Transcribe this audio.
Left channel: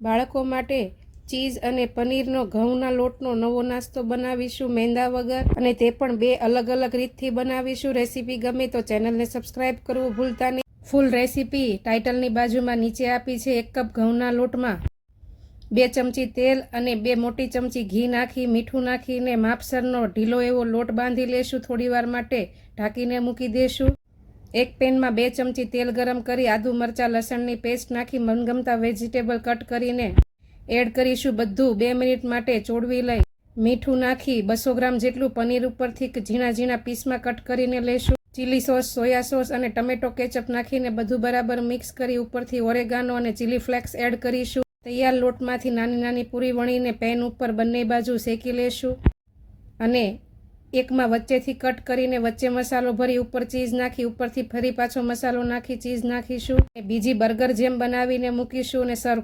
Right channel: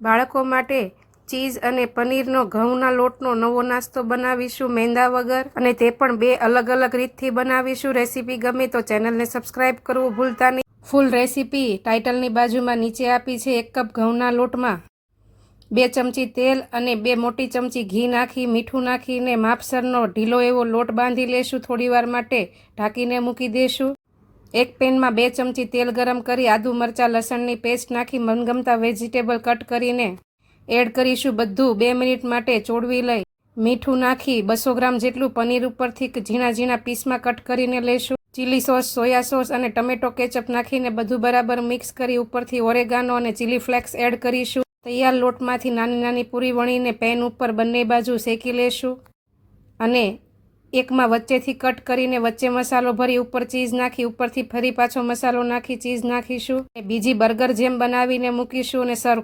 બાળકો માટે ચીઝ અને પનીરનો ઘઉંના લોટનો નવો નાસ્તો બનાવીશું મેંદા વગર, અને તે પણ બે અલગ અલગ રીતથી બનાવીશું। રેસીપી ગમે તો ચેનલને સબસ્ક્રાઇબ કરવું ભૂલતા નહીં। ફૂલ રેસીપી ટાઇટલની બાજુમાં નીચે આપી છે। 1 કપ ઘઉંના લોટમાં 2 ચમચી તેલ અને 2 મોટી ચમચી ઘી નાખી મીઠું નાખીને માપસરનો ઢીલો એવો લોટ બાંધી લેશું। થોડીવાર માટે ઢાંકીને મૂકી દેશું। એક પેનમાં 2 ચમચી તેલ ગરમ કરી આદુ મરચાં લસણની પેસ્ટ નાખી મનગમતા વેજીટેબલ કટ કરીને એડ કરીશું। બધું 2 મિનિટ માટે ચોળવી લઈ મીઠું નાખી 200 ગ્રામ જેટલું પનીર ઉપરથી ઝીણા ઝીણા પીસમાં કટ કરીને લેશું। ચીલી સોસ, સોયા સોસ અને ટમેટો કેચઅપ નાખીને બધું બરાબર મિક્સ કરી ઉપરથી ઓરેગાનો અને ચીલી ફ્લેક્સ એડ કરીશું। તૈયાર લોટમાંથી નાની નાની પૂરી વણીને પેન ઉપર બંને બાજુ શેકી લેશું અને એકમાં વચ્ચેથી કટ કરીને વચ્ચે મસાલો ભરી ઉપર ચીઝ નાખી ઉપરથી ફરી પાછો મસાલો નાખી ચીઝ નાખીશું। બીજી બર્ગર જેમ બનાવીને મૂકીશું અને સર્વ